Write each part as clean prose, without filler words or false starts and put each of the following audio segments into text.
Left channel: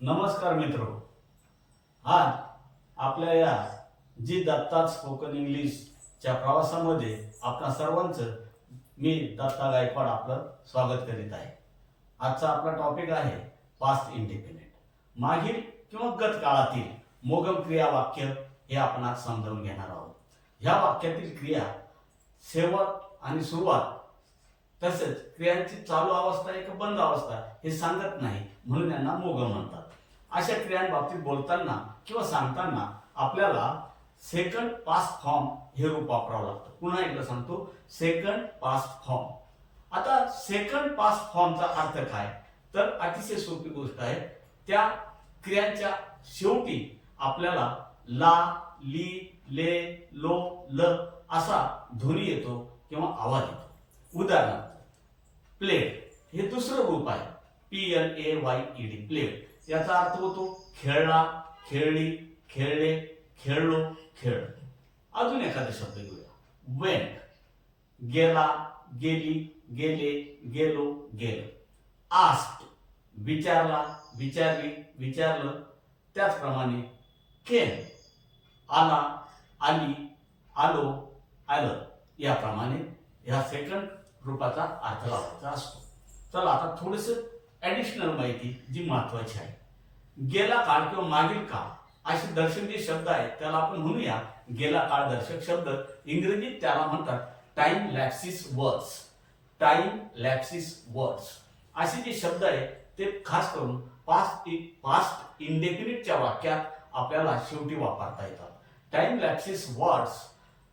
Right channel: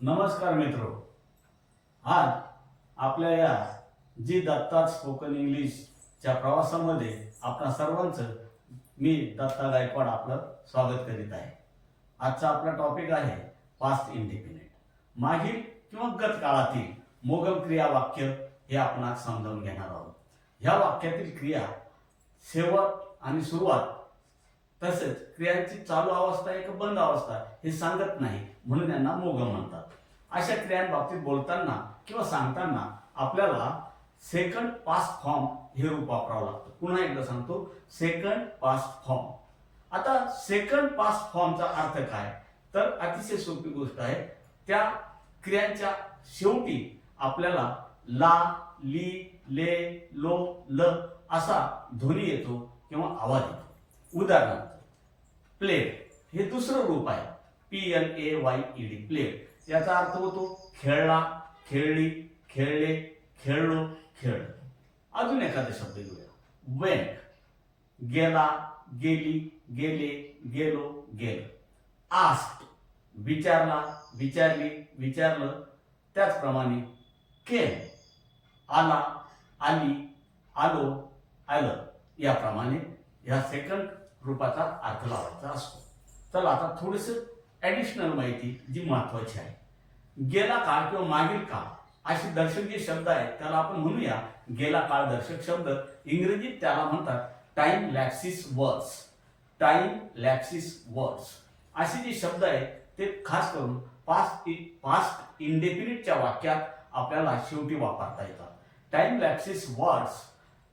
नमस्कार मित्रो. आज आपल्या या जी दत्ता स्पोकन इंग्लिशच्या प्रवासामध्ये आपणा सर्वांचं मी दत्ता गायकवाड आपलं स्वागत करीत आहे. आजचा आपला टॉपिक आहे पास्ट इंडिपेंडेंट. मागील किंवा गत काळातील मोगम क्रिया वाक्य हे आपण आज समजावून घेणार आहोत. ह्या वाक्यातील क्रिया शेवट आणि सुरुवात तसेच क्रियांची चालू अवस्था एक बंद अवस्था हे सांगत नाही, म्हणून यांना मोगम म्हणतात. अशा क्रियांबाबतीत बोलताना किंवा सांगताना आपल्याला सेकंड पास्ट फॉर्म हे रूप वापरावं लागतं. पुन्हा एकदा सांगतो, सेकंड पास्ट फॉर्म. आता सेकंड पास्ट फॉर्मचा अर्थ काय, तर अतिशय सोपी गोष्ट आहे. त्या क्रियांच्या शेवटी आपल्याला ला, ली, ले, लो, ल असा ध्वनी येतो किंवा आवाज येतो. उदाहरणार्थ प्लेट हे दुसरं रूप आहे, PLAYED, प्लेट. याचा अर्थ होतो खेळला, खेळली, खेळले, खेळलो, खेळ. अजून एखादा शब्द घेऊया, वेंट, गेला, गेली, गेले, गेलो, गेलो. आस्क्ड, विचारला, विचारली, विचारलं. त्याचप्रमाणे केम, आला, आली, आलो, आलं. याप्रमाणे ह्या सेकंड रूपाचा अर्थ लावायचा असतो. चला आता थोडस ऍडिशनल माहिती जी महत्वाची आहे. गेला काळ किंवा मागील काळ असे दर्शक जे शब्द आहेत त्याला आपण म्हणूया गेला काळ दर्शक शब्द. इंग्रजीत त्याला म्हणतात टाइम लॅप्सिस वर्ड्स. टाइम लॅप्सिस वर्ड्स असे जे शब्द आहेत ते खास करून पास्ट इंडेफिनिटच्या वाक्यात आपल्याला शेवटी वापरता येतात. टाइम लॅप्सिस वर्ड्स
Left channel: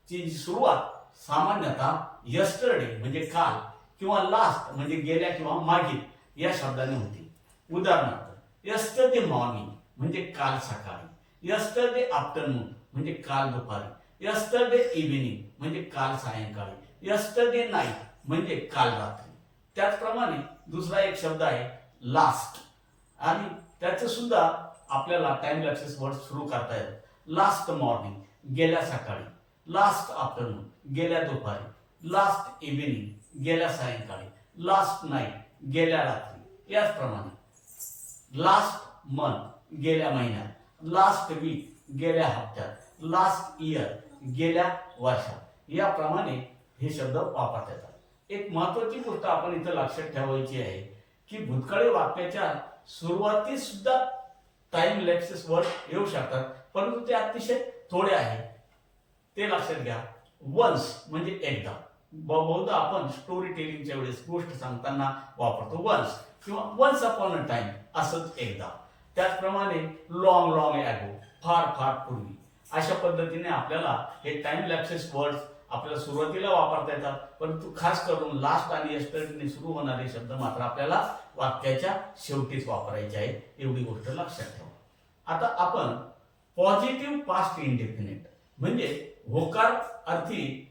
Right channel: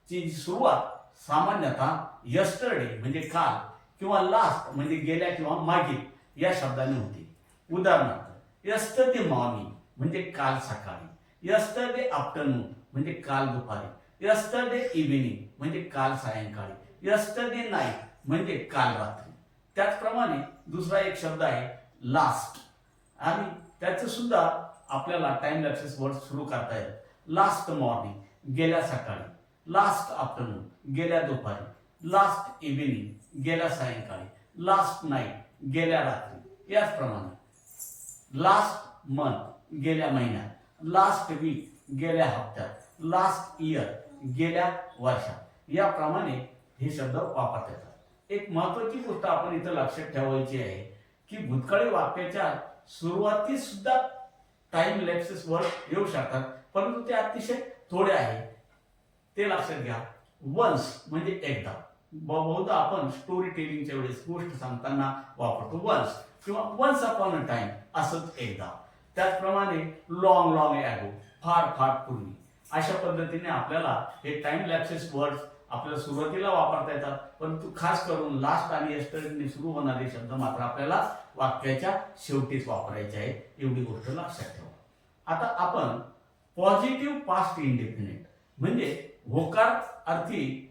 ची सुरुवात सामान्यतः यस्टरडे म्हणजे काल किंवा लास्ट म्हणजे गेल्या किंवा मागील या शब्दाने होती. उदाहरणार्थ यस्टरडे मॉर्निंग म्हणजे काल सकाळी, यस्टरडे आफ्टरनून म्हणजे काल दुपारी, यस्टरडे इव्हिनिंग म्हणजे काल सायंकाळी, यस्टरडे नाईट म्हणजे काल रात्री. त्याचप्रमाणे दुसरा एक शब्द आहे लास्ट, आणि त्याचं सुद्धा आपल्याला टाइम लॅप्सिस वर्ड सुरू करता येतात. लास्ट मॉर्निंग गेल्या सकाळी, लास्ट आफ्टरनून गेल्या दुपारी, लास्ट इव्हिनिंग गेल्या सायंकाळी, लास्ट नाईट गेल्या रात्री. याचप्रमाणे लास्ट मंथ गेल्या महिन्यात, लास्ट वीक गेल्या हप्त्यात, लास्ट इयर गेल्या वर्षात. याप्रमाणे हे शब्द वापरता येतात. एक महत्वाची गोष्ट आपण इथं लक्षात ठेवायची आहे की भूतकाळी वाक्याच्या सुरुवातीस सुद्धा टाइम लॅप्सिस वर्ड येऊ शकतात, परंतु ते अतिशय थोडे आहे, ते लक्षात घ्या. वन्स म्हणजे एकदा. बहुधा आपण स्टोरी टेलिंगच्या वेळेस गोष्ट सांगताना वापरतो वन्स किंवा वन्स अपॉन अ टाइम, असंच एकदा. त्याचप्रमाणे लॉंग लॉंग ॲगो, फार फार पूर्वी. अशा पद्धतीने आपल्याला हे टाइम लॅप्सिस वर्ड्स आपल्याला सुरुवातीला वापरता येतात, परंतु खास करून लास्ट आणि यस्टरडे सुरू होणारे शब्द मात्र आपल्याला वाक्याच्या शेवटीच वापरायचे आहेत. एवढी गोष्ट लक्षात ठेवा. आता आपण पॉझिटिव्ह पास्ट इंडिपेंडेंट म्हणजे होकार अर्थी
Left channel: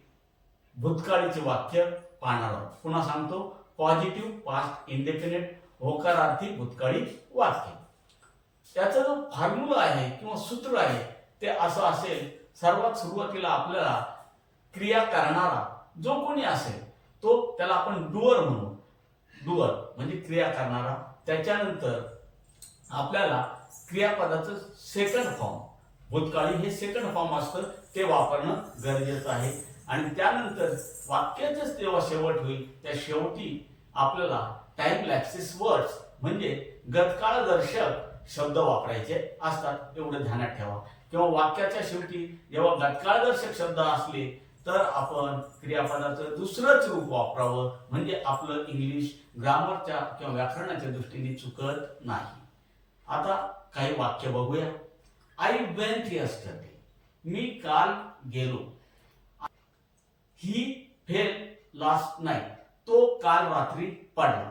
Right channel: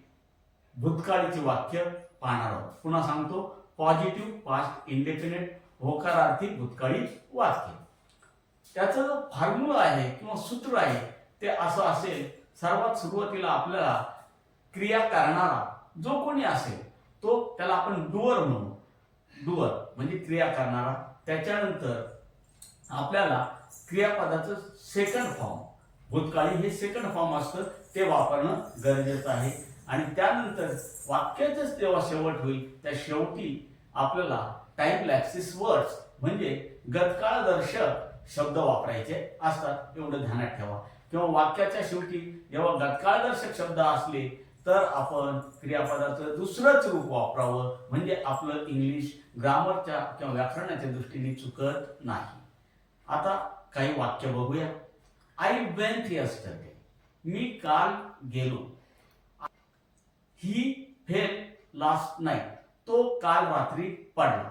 भूतकाळीचे वाक्य पाहणार आहोत. पुन्हा सांगतो, पॉझिटिव्ह पास्ट इंडिपेंडेंट होकारार्थी भूतकाळी वाक्य. त्याचा जो फॉर्म्युला आहे किंवा सूत्र आहे ते असं असेल, सर्वात सुरुवातीला आपल्याला क्रिया करणारा जो कोणी असेल तो त्याला आपण डुअर म्हणू. डुअर म्हणजे क्रिया करणारा. त्याच्यानंतर आपल्याला क्रियापदाचं सेकंड फॉर्म, भूतकाळी हे सेकंड फॉर्म असतं, ते वापरणं गरजेचं आहे. आणि त्यानंतर वाक्याचंच जेव्हा शेवट होईल त्या शेवटी आपल्याला टाइम लॅप्सिस वर्ड्स म्हणजे गतकाळदर्शक शब्द वापरायचे असतात. एवढं ध्यानात ठेवा. किंवा वाक्याच्या शेवटी जेव्हा गतकाळदर्शक शब्द असले तर आपण क्रियापदाचं दुसरंच रूप वापरावं, म्हणजे आपलं इंग्लिश ग्रामरच्या किंवा व्याकरणाच्या दृष्टीने चुकत नाही. आता काही वाक्य बघूया. आय वेंट यस्टरडे, मी काल गेलो. ही फेल लास्ट नाईट, तो काल रात्री पडला.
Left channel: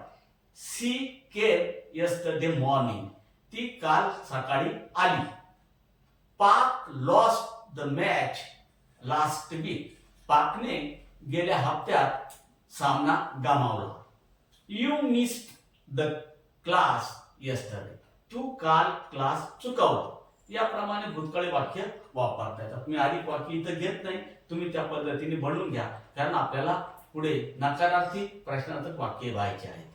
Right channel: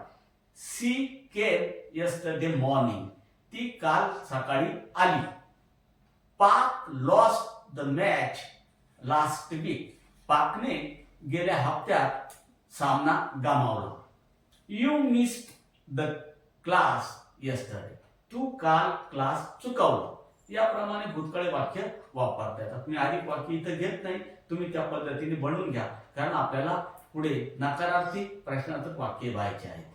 सी केम यस्टरडे मॉर्निंग, ती काल सकाळी आली. Pak lost the match last week, पाकने गेल्या हप्त्यात सामना गमावला. You missed the class yesterday, तू काल क्लास चुकवला. याप्रमाणे भूतकाळी वाक्य वापरता येतात. मी अधिक वाक्य इथं घेत नाही, तुम्ही त्या पद्धतीने बनवून घ्या, कारण आपल्याला पुढे नकारार्थी प्रश्नार्थक वाक्य व्हायचे आहेत.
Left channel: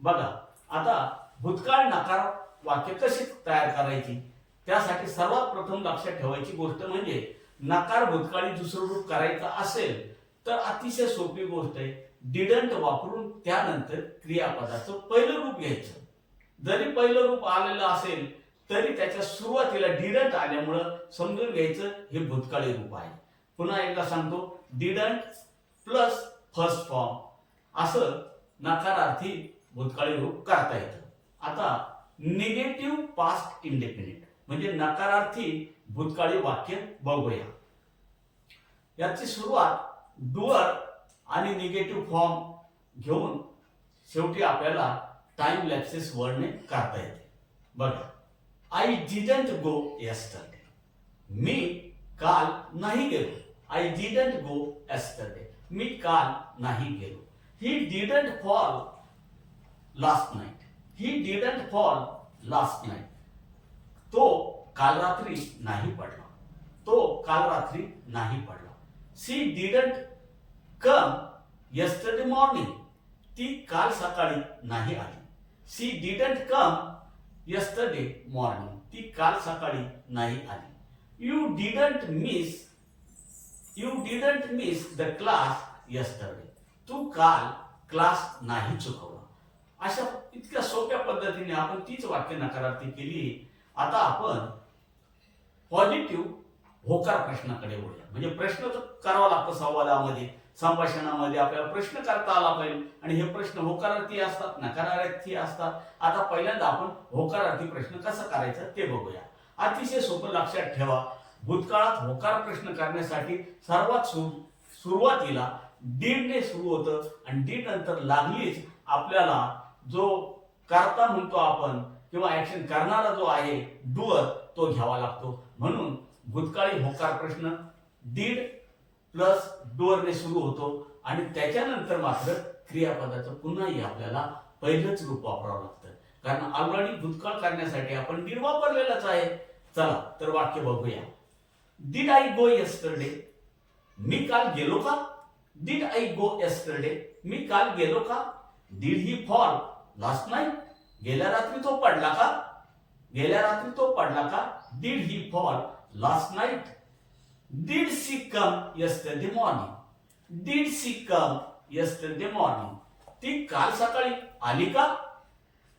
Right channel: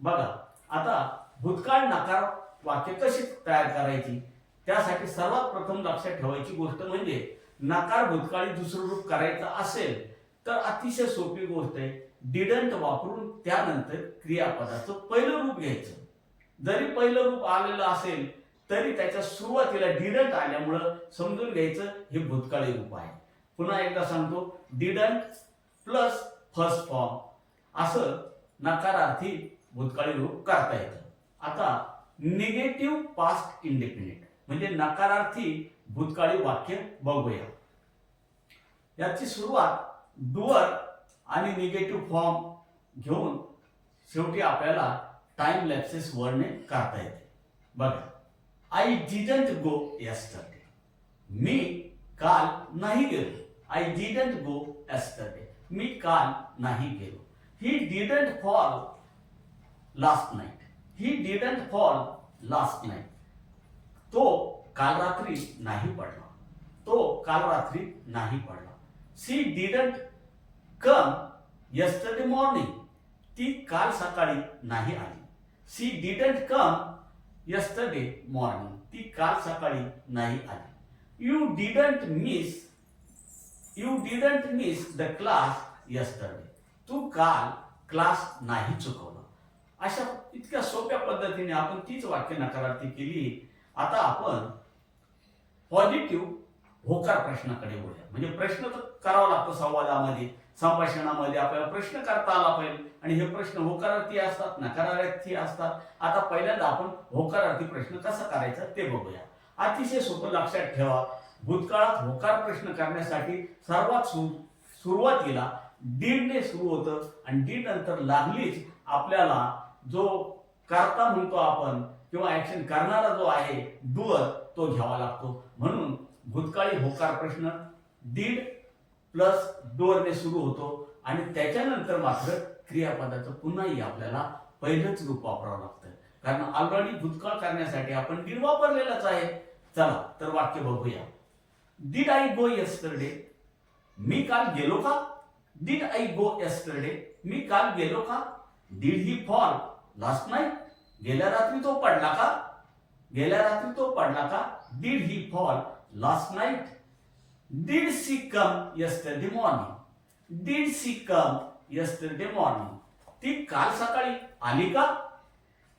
बघा आता भूतकाळ नकार वाक्य कशी तयार करायची, त्यासाठी सर्वात प्रथम लक्षात ठेवायची गोष्ट म्हणजे नकार भूतकाळी दुसरं रूप करायचं असेल तर अतिशय सोपी गोष्ट आहे, डिडंट वापरून त्यानंतर क्रियापदाचं पहिलं रूप घ्यायचं. जरी पहिलं रूप आलेलं असेल तरी त्याच्या सुरुवातीला डिडंट आल्यामुळं समजून घ्यायचं हे भूतकाळी रूप आहे. पुन्हा एकदा सांगतो, डिडंट प्लस फर्स्ट फॉर्म असं नकारार्थी भूतकाळी रूप करता येतं. आता निगेटिव्ह पास्ट इंडेफिनिट म्हणजे नकारार्थी भूतकाळी वाक्य बघूया. याची सुरुवात डुअर आणि निगेटिव्ह फॉर्म घेऊन शेवटी आपल्याला टाइम लॅप्सेस वर्डने करता येते. बघा, आय डिडंट गो यस्टरडे. मी काल नाही गेलो. I didn't go yesterday. मी काल नाही गेलो. He didn't fall last night. He didn't fall last night. तो काल रात्री नाही पडला. तो काल रात्री नाही पडला. शी डिडंट कम yesterday morning. ती काल सकाळी नाही आली. शी डिडंट कम yesterday morning. ती काल सकाळी नाही आली. You didn't miss the class yesterday. तू काल क्लास नाही चुकवला. अशा इतक्या सोप्या पद्धतीने आपण तीच वाक्य नकारार्थी केली. आता आपण पॉझिटिव्ह होकार प्रश्नाकडे वळूया. म्हणजे प्रश्न तर करावा लागतो संवादामध्ये, संभाषणामध्ये आपल्याला प्रश्न करता आला पाहिजे आणि हे प्रश्न होकारार्थी असतात, नकारार्थी असतात. आता पहिल्यांदा आपण होकारार्थी प्रश्न कसा करायचा ते बघूया. अतिशय सोपं लक्षात ठेवा, भूतकाळात होकार प्रश्न करण्यासाठी सर्वात सुरुवातीला डीडने सुरू होतं आणि डीड नंतर लागलीच आपल्याला जो करता म्हणतो आपण किंवा ऍक्शन करणारा जो आहे डुअर तो घ्यावा लागतो. म्हणून भूतकाळी होकार प्रश्न डीड प्लस डुअरने सुरू होतो आणि त्याच्यानंतर मात्र क्रियापदाचं पुन्हाही आपल्याला पहिलंच रूप वापरावं लागतं, कारण ऑलरेडी भूतकाळ करण्यासाठी आपण डीड वापरलेलंच आहे. चला तर वाक्य बघूया. Did I go yesterday. मी काल गेलो का. Did I go yesterday. मी काल गेलो का. Did he fall last night. गेल्या रात्री तो पडला का. गेल्या रात्री तो पडला का. Did he fall last night. Did she come yesterday morning. Did she come yesterday morning. ती काल सकाळी आली का.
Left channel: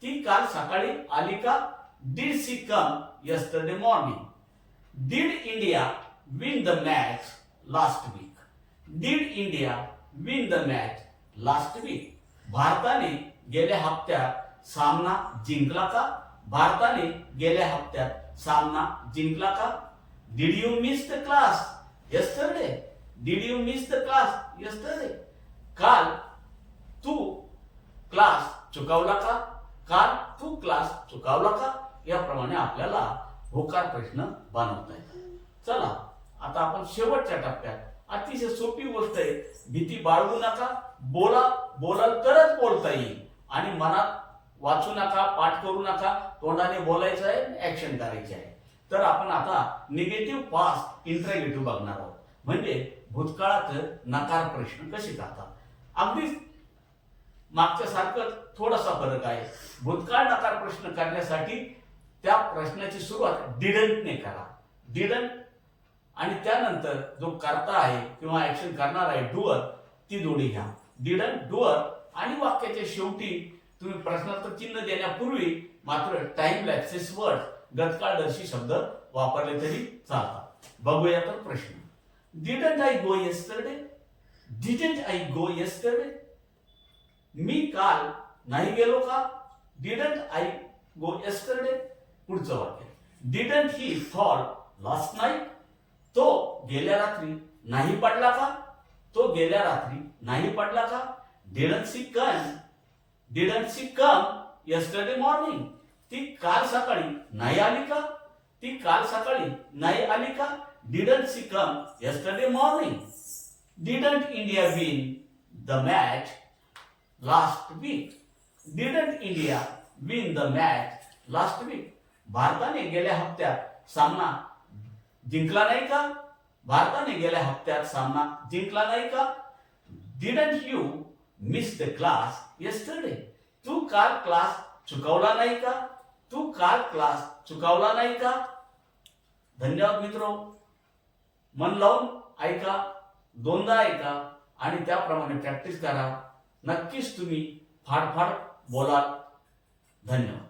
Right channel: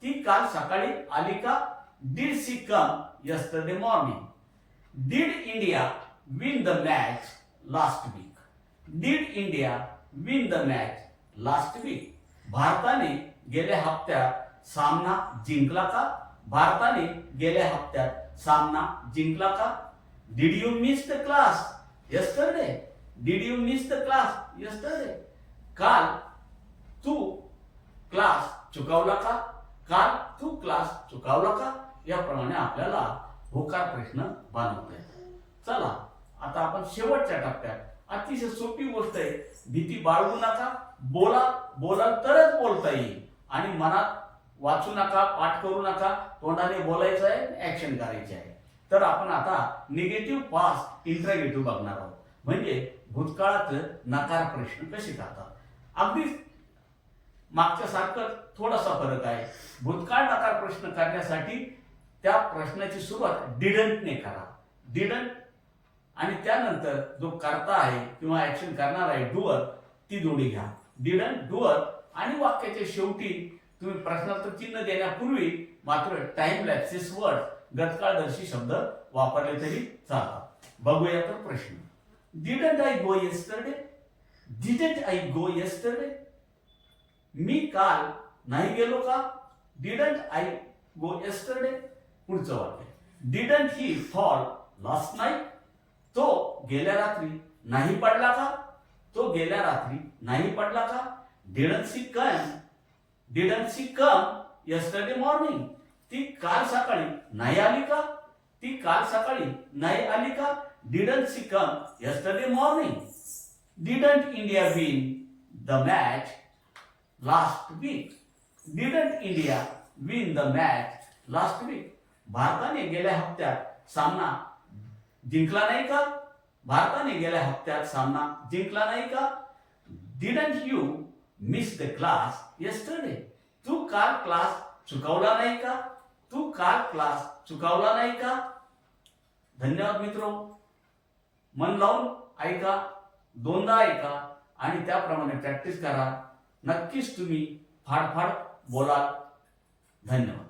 ती काल सकाळी आली का. Did she come yesterday morning. Did India win the match last week. Did India win the match last week. भारताने गेल्या हप्त्यात सामना जिंकला का. भारताने गेल्या हप्त्यात सामना जिंकला का. Did you miss the class yesterday. Did you miss the class yesterday. काल तू क्लास चुकवला का. काल तू क्लास चुकवला का. याप्रमाणे आपल्याला होकार प्रश्न बनवता येतात. चला आता आपण शेवटच्या टप्प्यात, अतिशय सोपी गोष्ट आहे, भीती बाळगू नका. बोलाल तरच बोलता येईल आणि मनात वाचू नका, पाठ करू नका, तोंडाने बोलायचं आहे, ऍक्शन करायची आहे. तर आपण आता निगेटिव्ह पास्ट इंट्रॅगेटिव्ह बघणार आहोत. म्हणजे भूतकाळात नकार प्रश्न कसे करतात. अगदी मागच्या सारखं थोडासा फरक आहे. भूतकाळ नकार प्रश्न करण्यासाठी त्या प्रश्नाची सुरुवात डिडंटने करा. डिडंट आणि त्यानंतर जो करता आहे किंवा ऍक्शन करणार आहे डुअर, ती जोडी घ्या. डिडंट डुअर आणि वाक्याच्या शेवटी तुम्ही प्रश्नार्थक चिन्ह देण्यापूर्वी मात्र टाइम लॅप्सेस वर्ड गतकाळदर्शी शब्द वापरले तरी चालतात. बघूया तर प्रश्न. Didn't I go yesterday. Didn't I go yesterday. मी काल नाही गेलो का. Didn't I go yesterday. पुढचं वाक्य. Didn't he fall last night. तो गेल्या रात्री नाही पडला का. तो गेल्या रात्री नाही पडला का. Didn't she come yesterday morning. ती काल सकाळी नाही आली का. ती काल सकाळी नाही आली का. Didn't she come yesterday morning. Didn't India win the match last week. Didn't India win the match last week. भारताने गेल्या हप्त्यात सामना जिंकला नाही का. भारताने गेल्या हप्त्यात सामना जिंकला नाही का. Didn't you miss the class yesterday. तू काल क्लास चुकवला नाही का. तू काल क्लास चुकावला नाही का? धन्यवाद मित्रो. मन लावून ऐका, दोनदा ऐका आणि त्याप्रमाणे प्रॅक्टिस करा. नक्कीच तुम्ही फाडफाड बोलाल. धन्यवाद.